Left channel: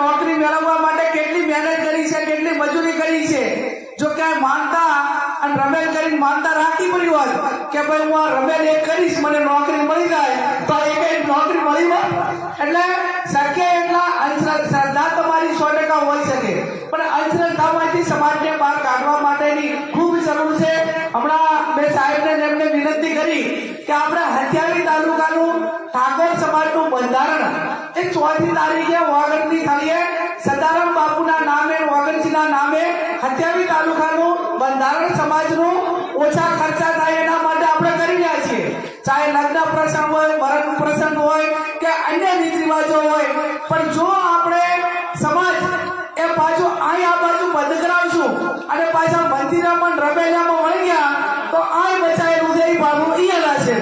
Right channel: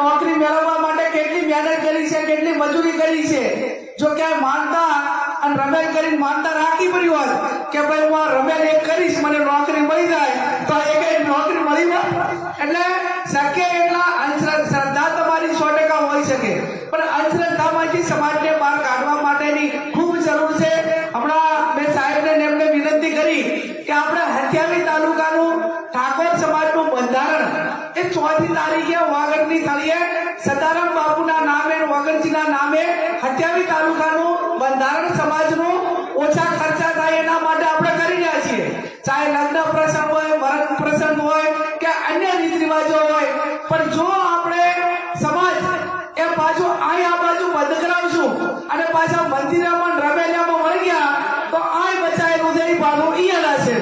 નોકરી મેળવવા માટે કેટલી મહેનત કરી છે, કેટલી મજૂરી કરી છે. જો કે માનતા અને રમેલ કરીને માનતા રાખી પડી હોય કે ભાઈ હું આ રમેલ એક કરીશ, મને નોકરી મળી જાય, તો એક કઈ નોકરી મળી હોય. એટલે શક્ય એટલા અંધશ્રદ્ધા તમારી સો ટકા હોઈ શકે. પણ અંધશ્રદ્ધામાંથી સમાજને બહાર કાઢવા માટેની ખૂબ જરૂર છે. હમણાં બે સાહેબને એમને વિનંતી કરી કે આપણે હથિયારી તાલુકાનું ઠાકોર સમાજનું બંધારણ એ ચોથી તારીખે વાગડની તારીખ તાલુકાનું, બંધારણ સમાજનું ઓછા ખર્ચા થાય એના માટે આપણે કરી રહ્યા છીએ. ચાહે લગ્ન પ્રસંગ હોય, મરણ પ્રસંગ હોય કે અન્ય રીત રિવાજો હોય, પણ જો આપણે સમાજ એ પાછું અહીંયા આ બાજુ બંધ અને પાછા મંદિરામાં રમેલામાં વળી ગયા તો આ બચાવેલું છે એ ભાડું અહીંયા છે.